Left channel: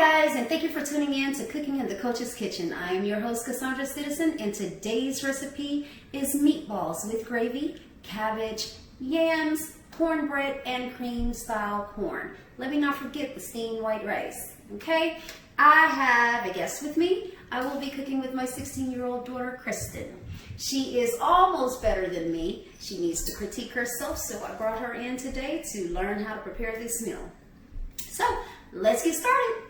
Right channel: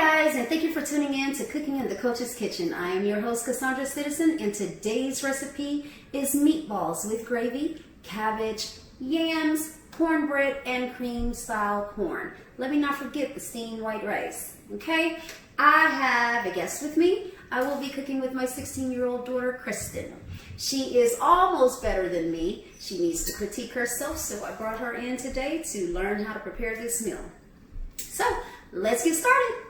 guys, and thank you for tuning in to Cooking in the Coach's Kitchen. I am your host, Cassandra Citizen, and today's recipe is meatballs with gravy, cabbage, yams, cornbread, and cream-style corn. Let me not forget the steamed white rice, okay? I have a guest with me. I will be cooking with my 16-year-old daughter, Kristen. She is almost better than me. She needs to critique herself, so I brought her in today to learn how to prepare this meal. So, let's get started.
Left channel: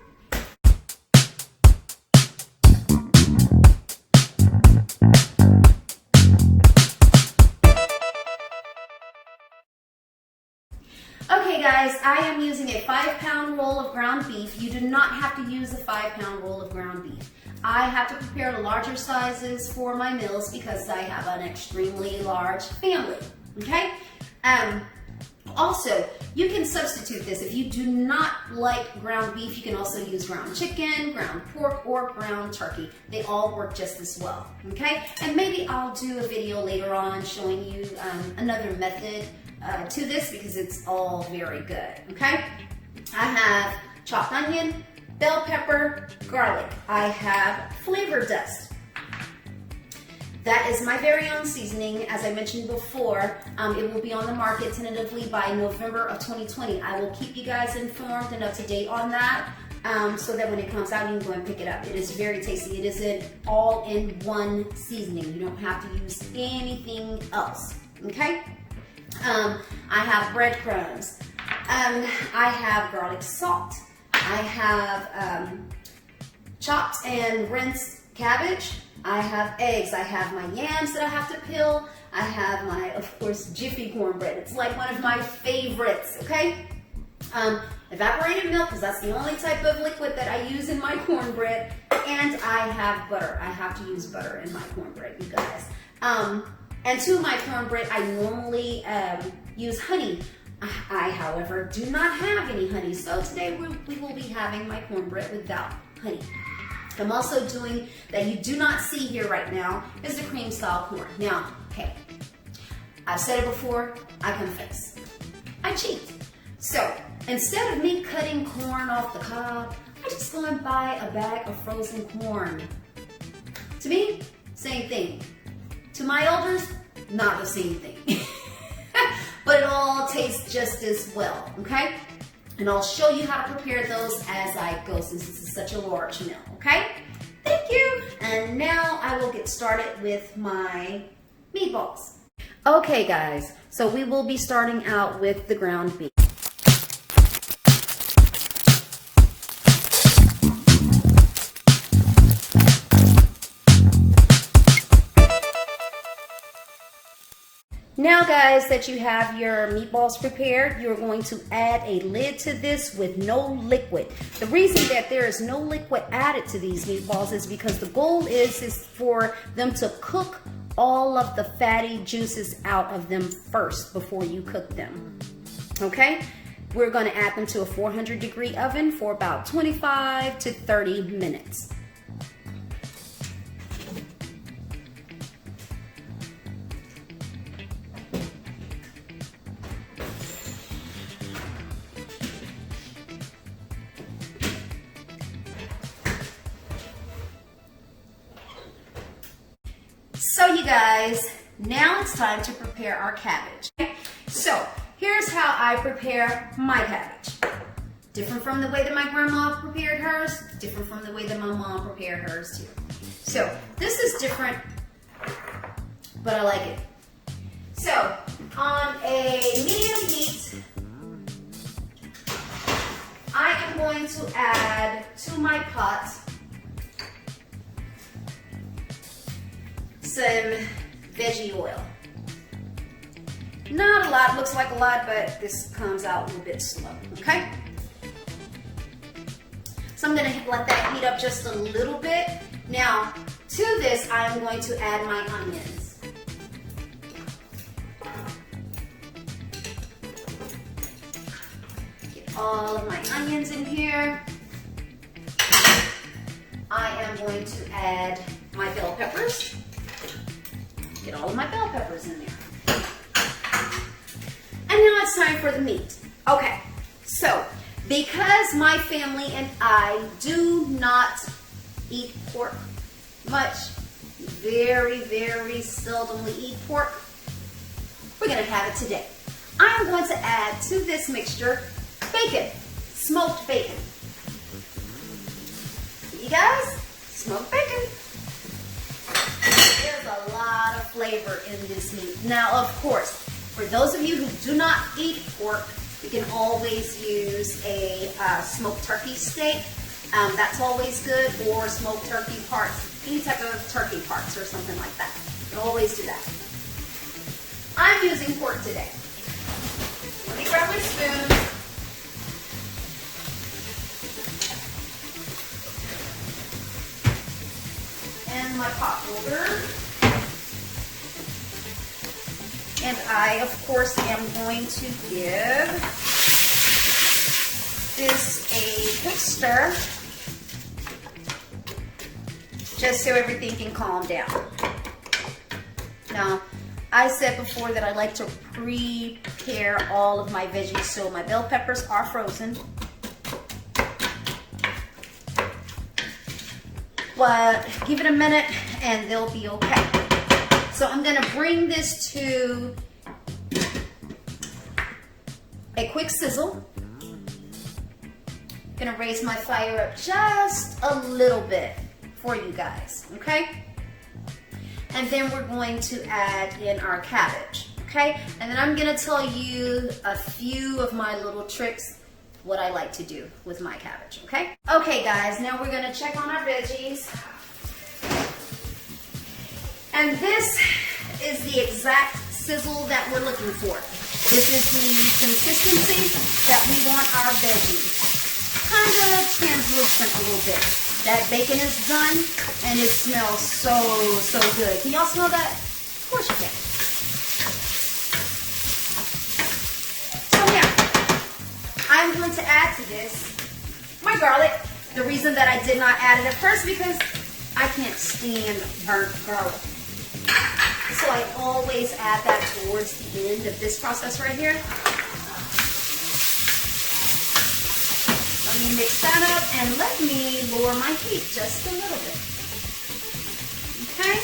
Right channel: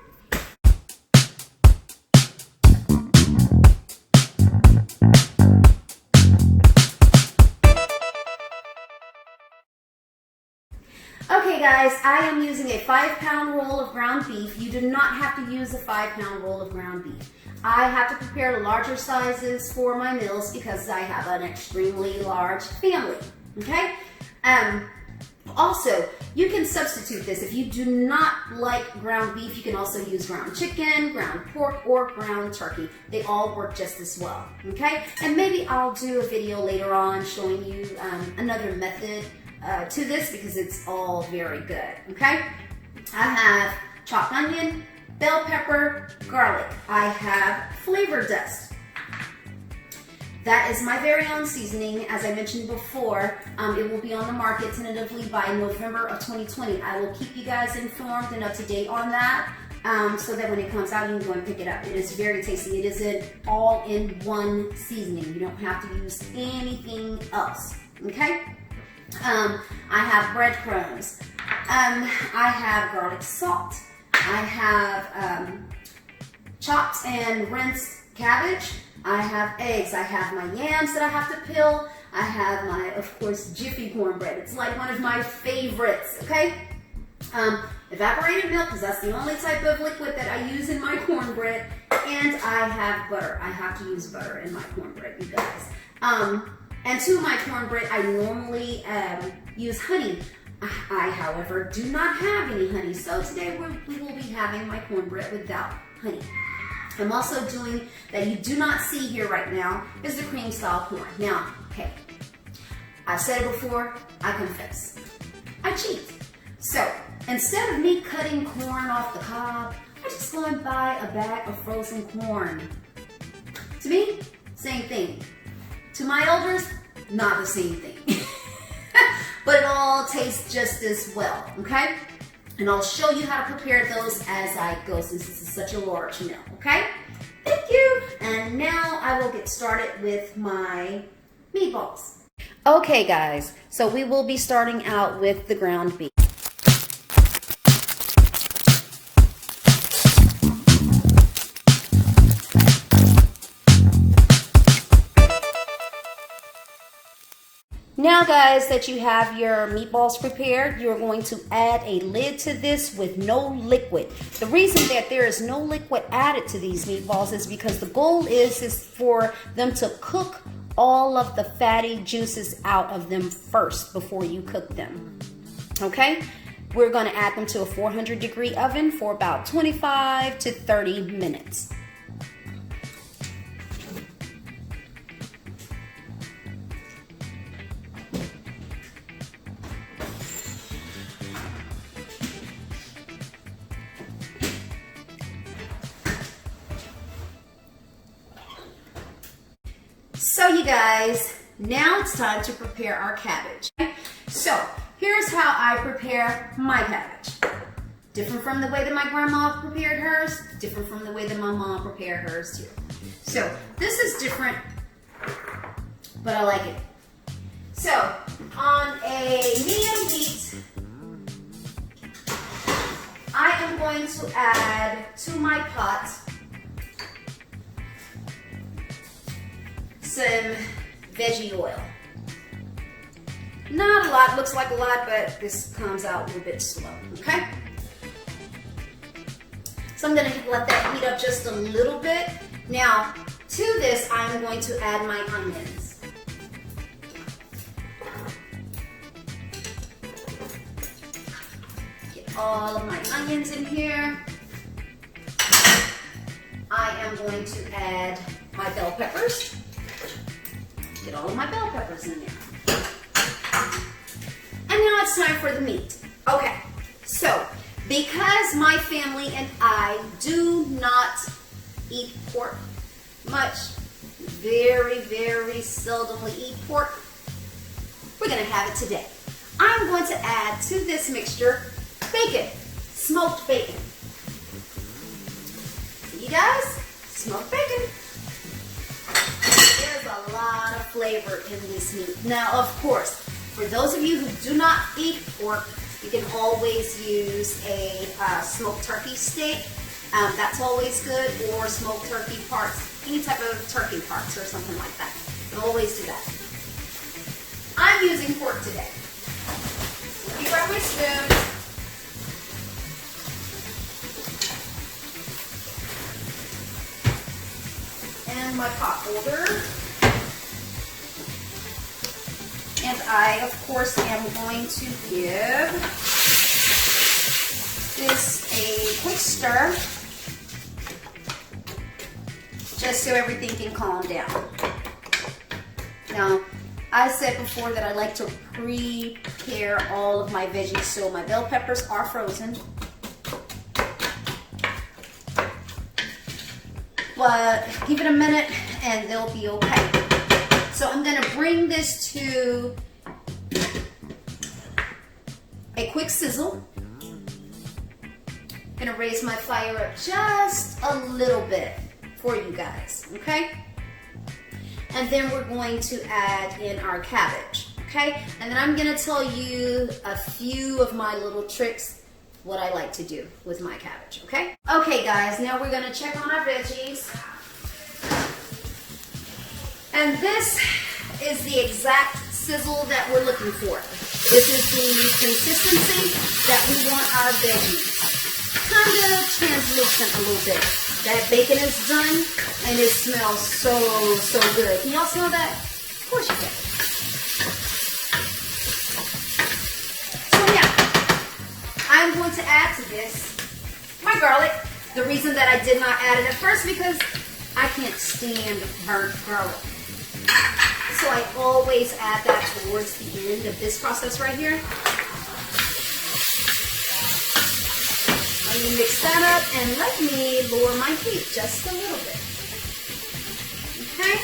Okay guys, I am using a 5-pound roll of ground beef. You do not have to use a 5-pound roll of ground beef. I have to prepare larger sizes for my meals because I have an extremely large family, okay? Also, you can substitute this. If you do not like ground beef, you can also use ground chicken, ground pork, or ground turkey. They all work just as well, okay? And maybe I'll do a video later on showing you another method to this because it's all very good, okay? I have chopped onion, bell pepper, garlic. I have flavor dust. That is my very own seasoning. As I mentioned before, it will be on the market tentatively by November of 2020. I will keep you guys informed and up to date on that so that when it comes out, you can go and pick it up. It is very tasty. It is an all-in-one seasoning. You don't have to use anything else, okay? I have breadcrumbs. I have garlic salt. I have chopped and rinsed cabbage. I have eggs. I have my yams that I have to peel. I have my, of course, Jiffy cornbread. It's like one of my favorites, okay? Evaporated milk, because that's the only type of liquid that I use in my cornbread. And I have butter. I have to use butter in my cornbread, you guys. And to my cornbread, I normally use honey. I, however, do not have any honey, so today we will be having my cornbread without honey. I'm also doing, that you do not see here right now, is the cream style corn. Now, hey, I've said it before, I confess, I cheat. So, instead of me cutting corn off the cob, I just go and buy a bag of frozen corn. To me, same thing. To my elders, not the same thing. But it all tastes just as well, okay? And I'll show you how to prepare those as I go since this is such a large meal, okay? Thank you. And now I will get started with my meatballs. Okay guys, so we will be starting out with the ground beef. Now guys that you have your meatballs prepared, you're going to add a lid to this with no liquid. The reason that there is no liquid added to these meatballs is because the goal is for them to cook all of the fatty juices out of them first before you cook them, okay? We're gonna add them to a 400-degree oven for about 25 to 30 minutes. So you guys, now it's time to prepare our cabbage. So here's how I prepare my cabbage. Different from the way that my grandma prepared hers, different from the way that my mom prepared hers too. So this is different, but I like it. So on a medium heat, I am going to add to my pot some veggie oil. Not a lot, looks like a lot, but this comes out a little bit slow, okay? So I'm gonna let that heat up just a little bit. Now, to this, I'm going to add my onions. Get all of my onions in here. I am going to add my bell peppers. Get all of my bell peppers in there. And now it's time for the meat. Okay, so Because my family and I do not eat pork much, very, very seldomly eat pork, we're gonna have it today. I'm going to add to this mixture bacon, smoked bacon. See you guys, smoked bacon. There's a lot of flavor in this meat. Now, of course, for those of you who do not eat pork, you can always use a smoked turkey steak. That's always good, or smoked turkey parts, any type of turkey parts or something like that. You can always do that. I'm using pork today. Let me grab my spoon. And my pot holder. And I, of course, am going to give this a quick stir, just so everything can calm down. Now, I said before that I like to prepare all of my veggies, so my bell peppers are frozen. But give it a minute and they'll be okay. So I'm gonna bring this to a quick sizzle. Gonna raise my fire up just a little bit for you guys, okay? And then we're going to add in our cabbage, okay? And then I'm gonna tell you a few of my little tricks, what I like to do with my cabbage, okay? Okay guys, now we're gonna check on our veggies. And this is the exact sizzle that we're looking for. This is the consistency that we want our veggies. Kind of translucent a little bit. That bacon is done and it smells so good. Can y'all smell that? Of course you can. So yeah, I'm going to add to this my garlic. The reason that I did not add it at first because I can't stand burnt garlic. So I always add that towards the end of this process right here. Let me mix that up and let me lower my heat just a little bit. Okay?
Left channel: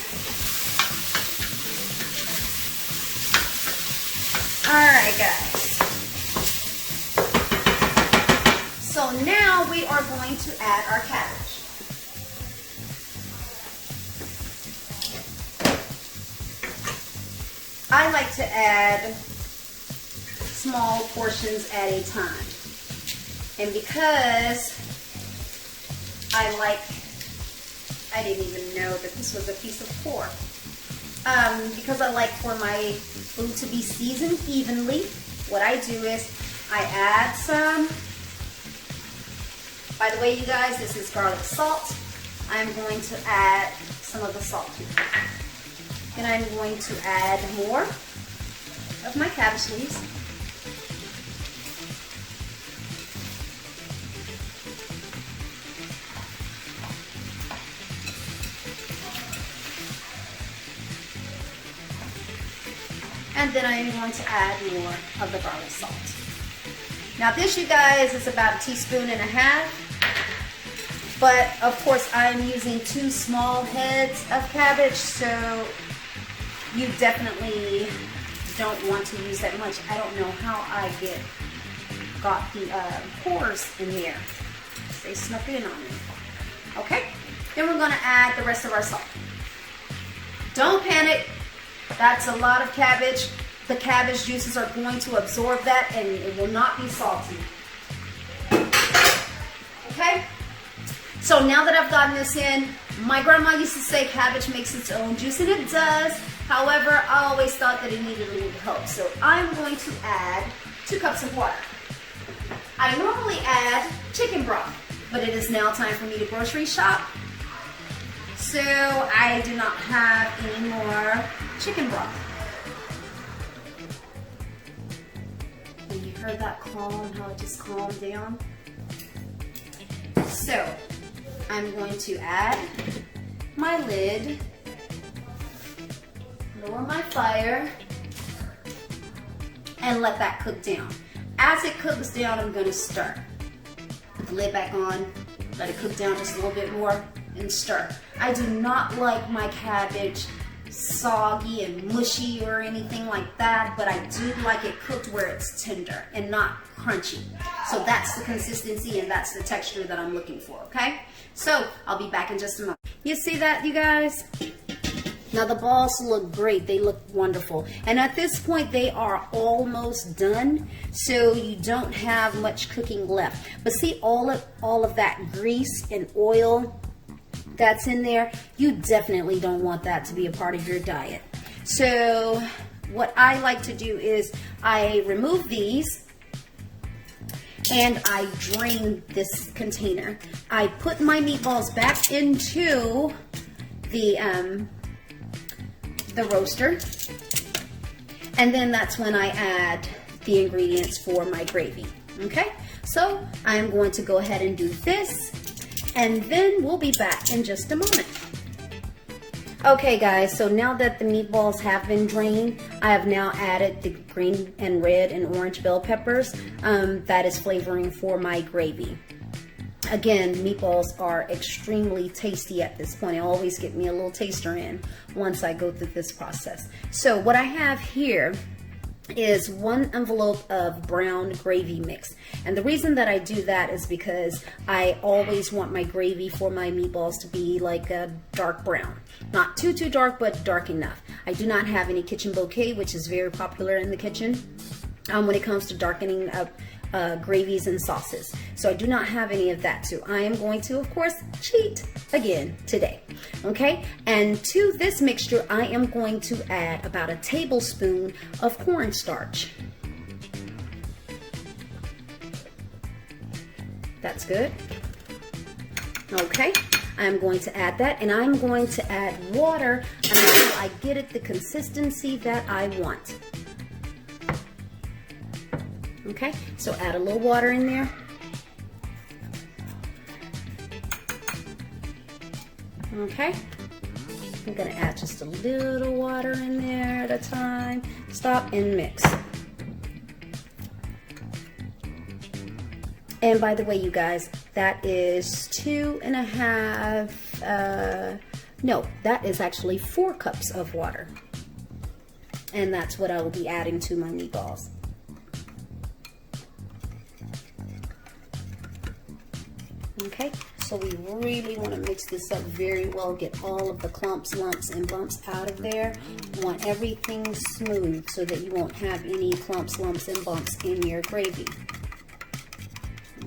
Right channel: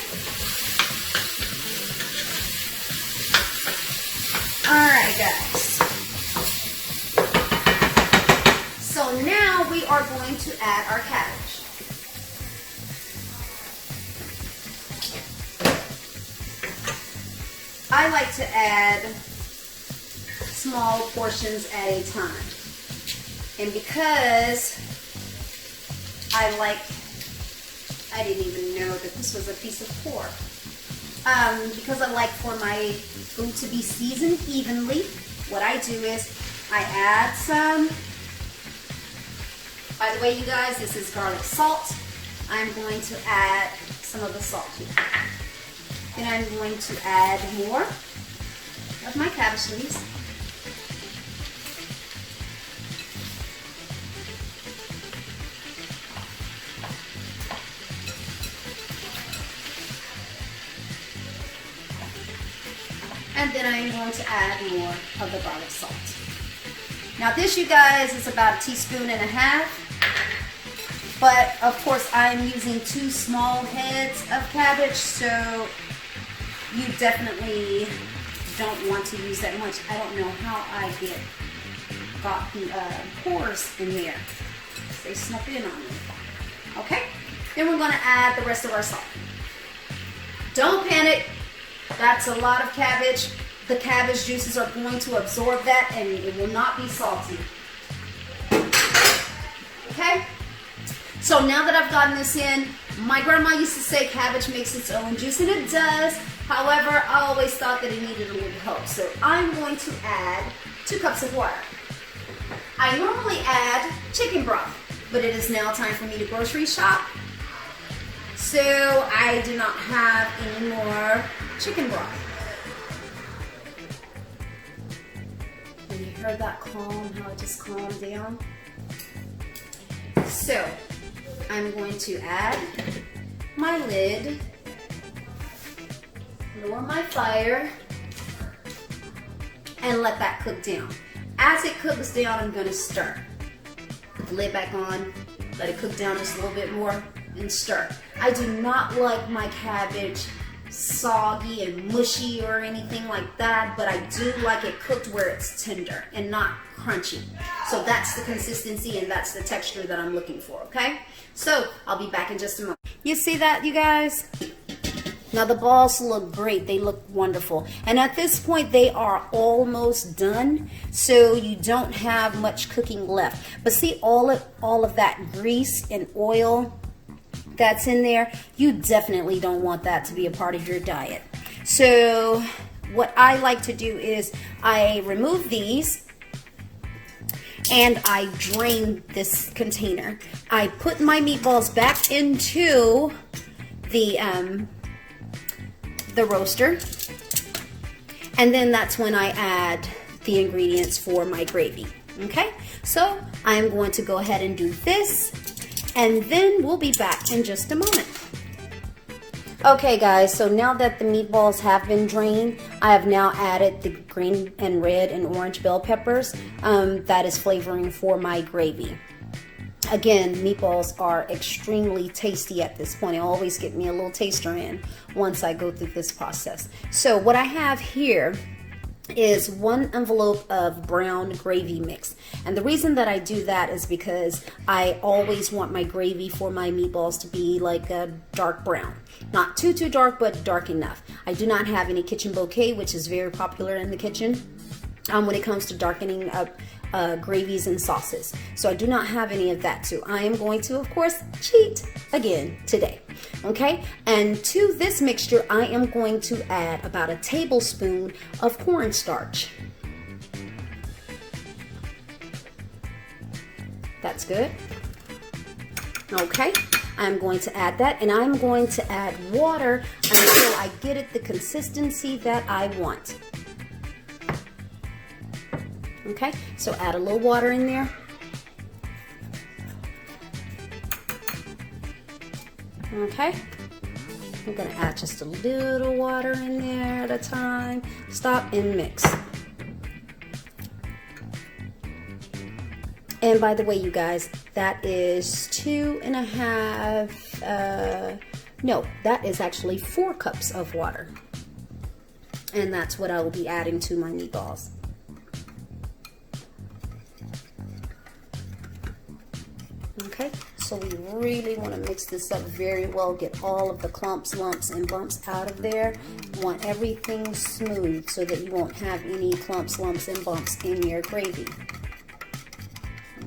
Alright guys. So now we are going to add our cabbage. I like to add small portions at a time. And because I didn't even know that this was a piece of pork. Because I like for my food to be seasoned evenly, what I do is I add some, by the way you guys, this is garlic salt. I'm going to add some of the salt here. And I'm going to add more of my cabbage leaves. And then I'm going to add more of the garlic salt. Now this, you guys, is about 1.5 teaspoons. But of course I'm using 2 small heads of cabbage, so you definitely don't want to use that much. I don't know how I got the pores in here. They snuck in on me. Okay, then we're gonna add the rest of our salt. Don't panic, that's a lot of cabbage. The cabbage juices are going to absorb that and it will not be salty. Okay? So now that I've gotten this in, my grandma used to say cabbage makes its own juice, and it does. However, I always thought that it needed a little help. So I'm going to add 2 cups of water. I normally add chicken broth, but it is now time for me to grocery shop. So I do not have any more chicken broth. And you heard that calm, how it just calmed down? So I'm going to add my lid, lower my fire, and let that cook down. As it cooks down, I'm going to stir. Put the lid back on, let it cook down just a little bit more, and stir. I do not like my cabbage soggy and mushy or anything like that, but I do like it cooked where it's tender and not crunchy. So that's the consistency and that's the texture that I'm looking for, okay? So I'll be back in just a moment. You see that, you guys? Now the balls look great, they look wonderful. And at this point they are almost done, so you don't have much cooking left. But see all of that grease and oil that's in there, you definitely don't want that to be a part of your diet. So what I like to do is I remove these and I drain this container. I put my meatballs back into the roaster, and then that's when I add the ingredients for my gravy. Okay, so I'm going to go ahead and do this, and then we'll be back in just a moment. Okay guys, so now that the meatballs have been drained, I have now added the green and red and orange bell peppers. That is flavoring for my gravy. Again, meatballs are extremely tasty at this point. They always get me a little taster in once I go through this process. So what I have here is 1 envelope of brown gravy mix. And the reason that I do that is because I always want my gravy for my meatballs to be like a dark brown. Not too dark, but dark enough. I do not have any kitchen bouquet, which is very popular in the kitchen when it comes to darkening up gravies and sauces. So I do not have any of that. So I am going to, of course, cheat again today. Okay, and to this mixture I am going to add about a tablespoon of cornstarch. That's good. Okay, I'm going to add that, and I'm going to add water until I get it the consistency that I want. Okay, so add a little water in there. Okay, I'm gonna add just a little water in there at a time. Stop and mix. And by the way, you guys, that is 2.5, no, that is actually 4 cups of water. And that's what I will be adding to my meatballs. Okay, so we really want to mix this up very well, get all of the clumps, lumps, and bumps out of there. You want everything smooth so that you won't have any clumps, lumps, and bumps in your gravy.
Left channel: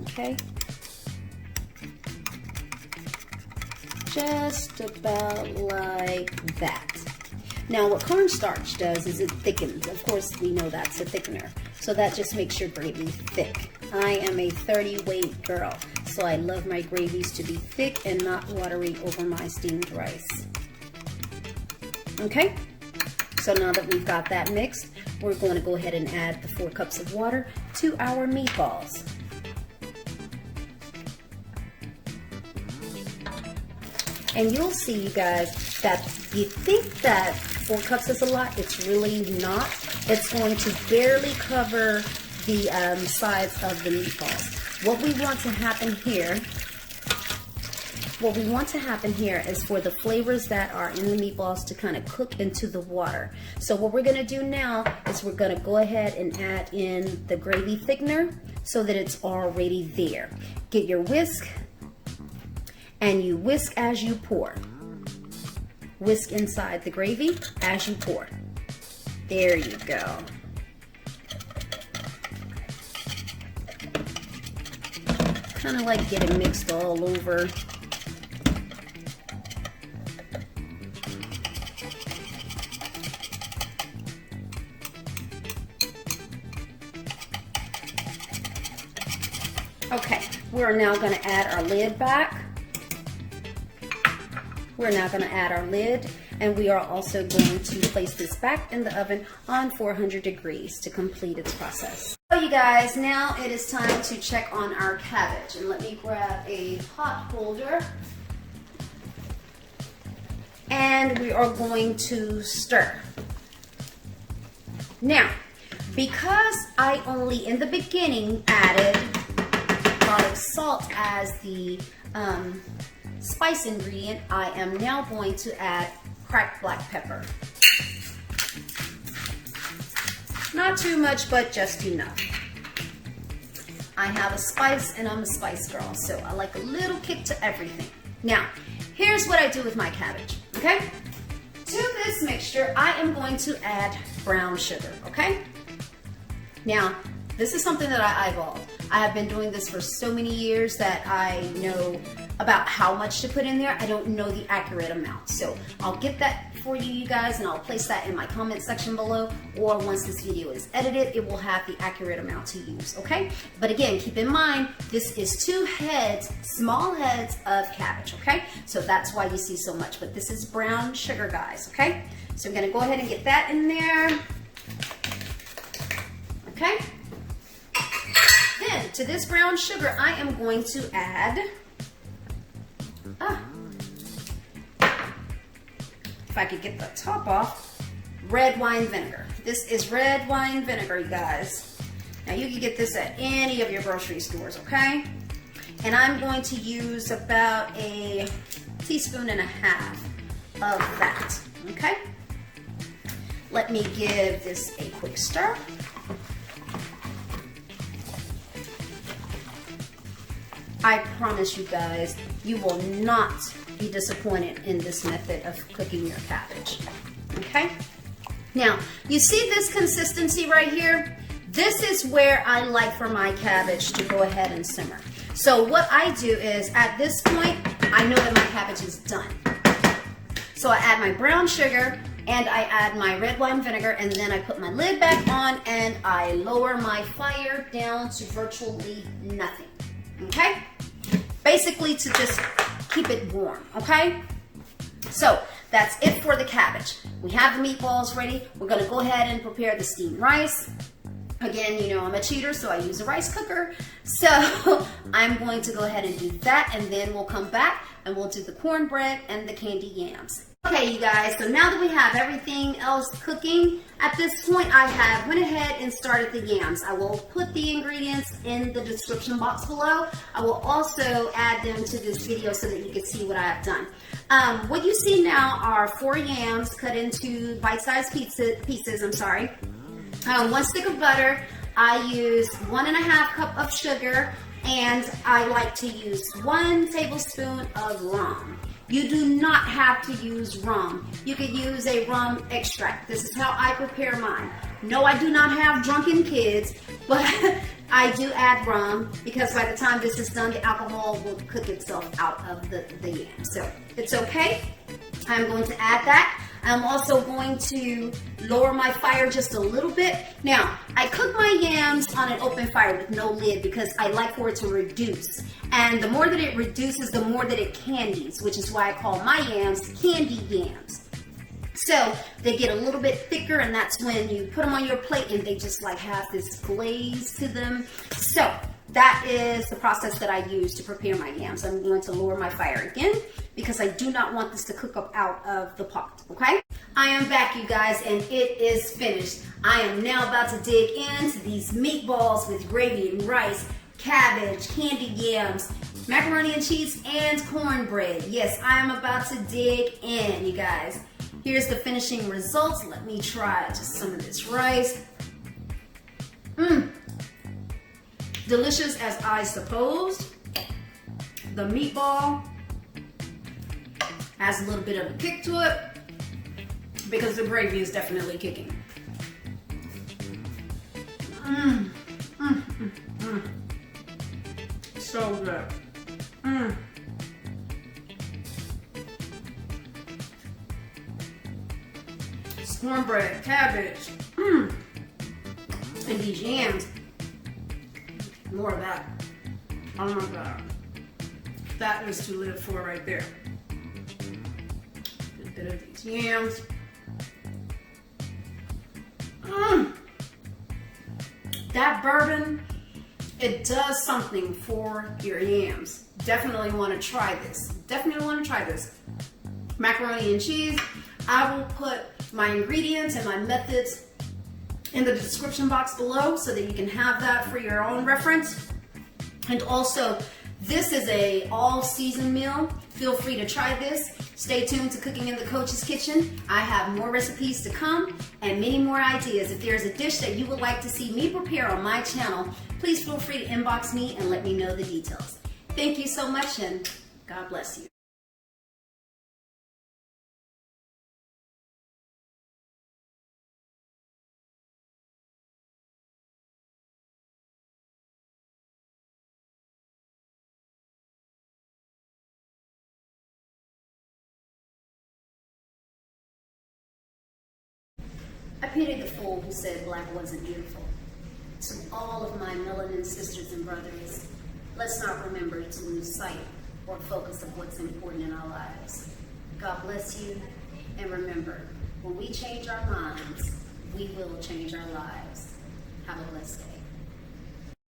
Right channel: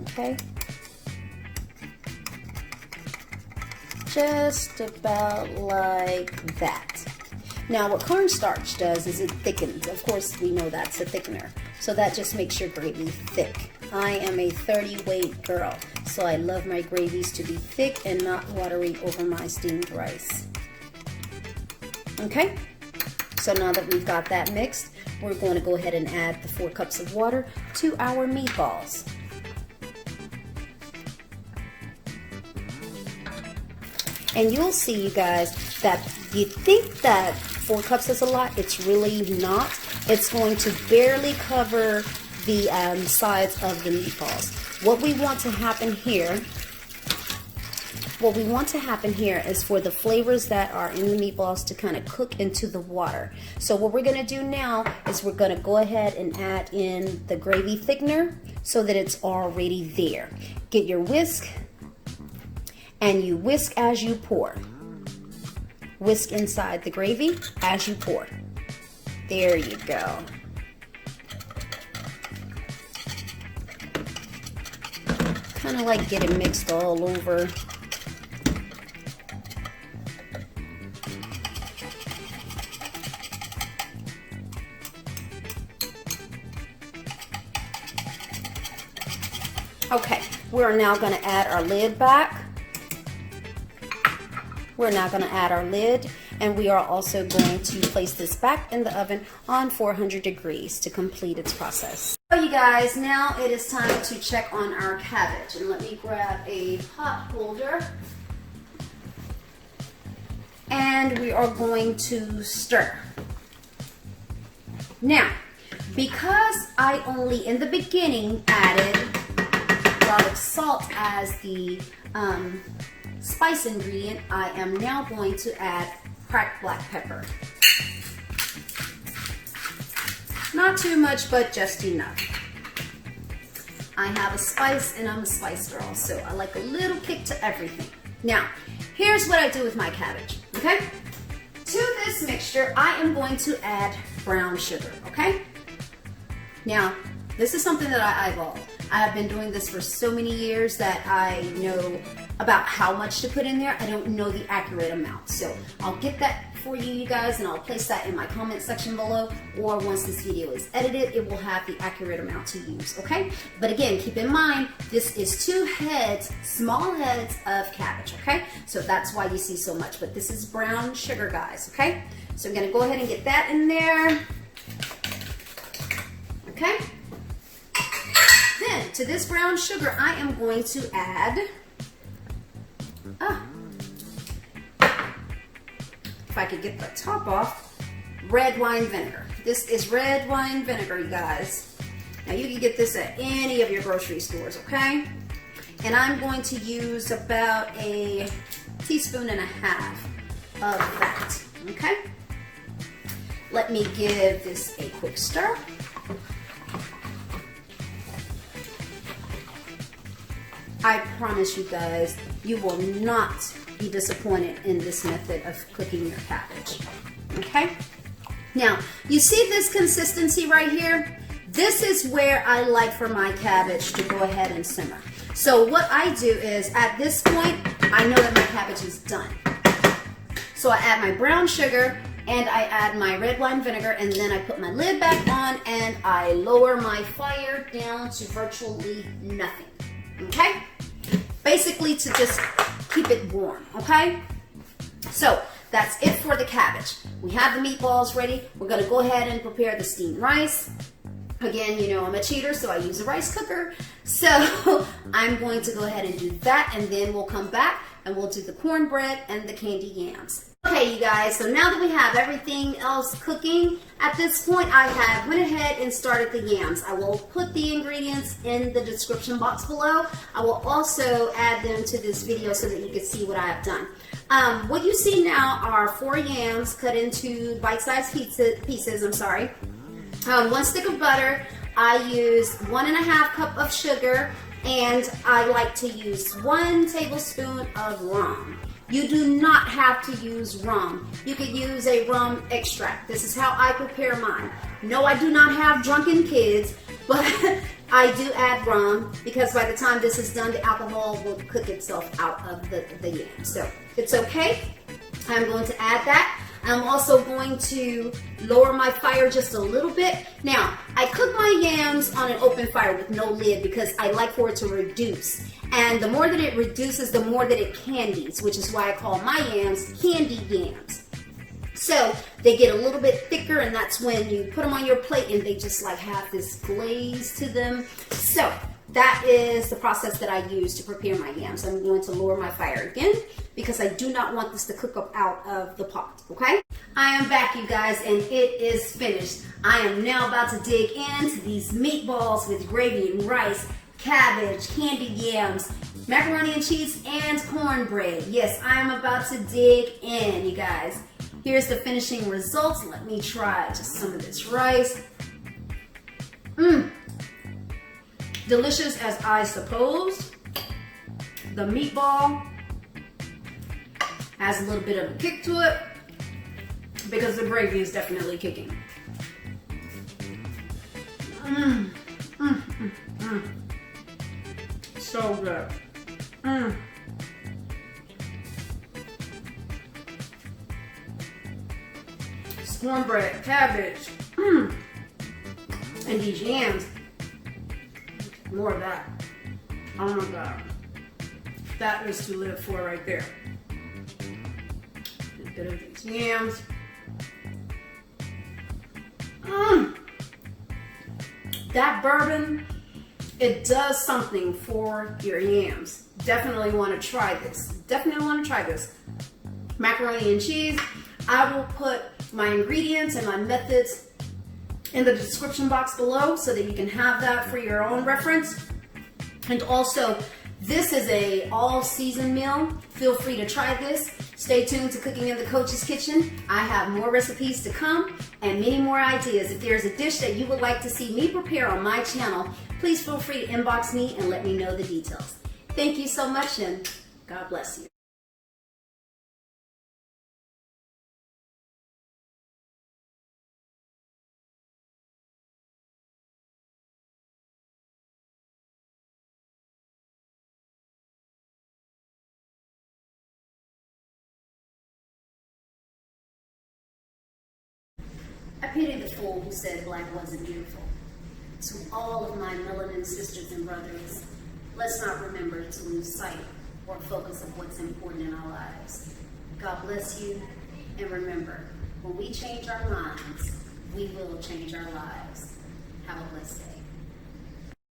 Okay, just about like that. Now what cornstarch does is it thickens. Of course we know that's a thickener, so that just makes your gravy thick. I am a 30 weight girl, so I love my gravies to be thick and not watery over my steamed rice. Okay, so now that we've got that mixed, we're going to go ahead and add the 4 cups of water to our meatballs. And you'll see, you guys, that you think that 4 cups is a lot. It's really not. It's going to barely cover the sides of the meatballs. What we want to happen here is for the flavors that are in the meatballs to kind of cook into the water. So what we're going to do now is we're going to go ahead and add in the gravy thickener so that it's already there. Get your whisk, and you whisk as you pour. Whisk inside the gravy as you pour. There you go. Kind of like get it mixed all over. Okay, we're now going to add our lid back. We're now going to add our lid, and we are also going to place this back in the oven on 400 degrees to complete its process. So you guys, now it is time to check on our cabbage, and let me grab a pot holder, and we are going to stir. Now, because I only in the beginning added garlic salt as the spice ingredient, I am now going to add cracked black pepper. Not too much, but just enough. I have a spice and I'm a spice girl, so I like a little kick to everything. Now, here's what I do with my cabbage, okay? To this mixture, I am going to add brown sugar, okay? Now, this is something that I eyeballed. I have been doing this for so many years that I know about how much to put in there. I don't know the accurate amount. So I'll get that for you guys, and I'll place that in my comment section below, or once this video is edited, it will have the accurate amount to use, okay? But again, keep in mind, this is 2 heads, small heads of cabbage, okay? So that's why you see so much, but this is brown sugar, guys, okay? So I'm gonna go ahead and get that in there, okay? Then, to this brown sugar, I am going to add, if I could get the top off, red wine vinegar. This is red wine vinegar, you guys. Now you can get this at any of your grocery stores, okay? And I'm going to use about a 1.5 teaspoons of that, okay? Let me give this a quick stir. I promise you guys, you will not be disappointed in this method of cooking your cabbage, okay? Now, you see this consistency right here? This is where I like for my cabbage to go ahead and simmer. So what I do is, at this point, I know that my cabbage is done. So I add my brown sugar, and I add my red wine vinegar, and then I put my lid back on, and I lower my fire down to virtually nothing. Okay? Basically to just keep it warm, okay? So that's it for the cabbage. We have the meatballs ready. We're gonna go ahead and prepare the steamed rice. Again, you know I'm a cheater, so I use a rice cooker. So I'm going to go ahead and do that, and then we'll come back and we'll do the cornbread and the candied yams. Okay, you guys, so now that we have everything else cooking, at this point I have went ahead and started the yams. I will put the ingredients in the description box below. I will also add them to this video so that you can see what I have done. What you see now are 4 yams cut into bite-sized pieces. 1 stick of butter. I use 1.5 cup of sugar, and I like to use 1 tablespoon of rum. You do not have to use rum. You could use a rum extract. This is how I prepare mine. No, I do not have drunken kids, but I do add rum because by the time this is done, the alcohol will cook itself out of the yam. So it's okay. I'm going to add that. I'm also going to lower my fire just a little bit. Now, I cook my yams on an open fire with no lid because I like for it to reduce. And the more that it reduces, the more that it candies, which is why I call my yams candied yams. So they get a little bit thicker, and that's when you put them on your plate and they just like have this glaze to them. So that is the process that I use to prepare my yams. I'm going to lower my fire again because I do not want this to cook up out of the pot, okay? I am back, you guys, and it is finished. I am now about to dig into these meatballs with gravy and rice, cabbage, candied yams, macaroni and cheese, and cornbread. Yes, I am about to dig in, you guys. Here's the finishing results. Let me try just some of this rice. Delicious as I supposed. The meatball has a little bit of a kick to it because the gravy is definitely kicking. So good. Cornbread, cabbage, and these yams. More of that. Oh my God. That is to live for right there. A bit of these yams. That bourbon, it does something for your yams. Definitely want to try this. Definitely want to try this. Macaroni and cheese. I will put my ingredients and my methods in the description box below so that you can have that for your own reference. And also, this is a all-season meal. Feel free to try this. Stay tuned to Cooking in the Coach's Kitchen. I have more recipes to come and many more ideas. If there's a dish that you would like to see me prepare on my channel, please feel free to inbox me and let me know the details. Thank you so much, and God bless you. I pitied the fool who said black wasn't beautiful. To all of my melanin sisters and brothers, let's not remember to lose sight or focus of what's important in our lives. God bless you, and remember, when we change our minds, we will change our lives. Have a blessed day.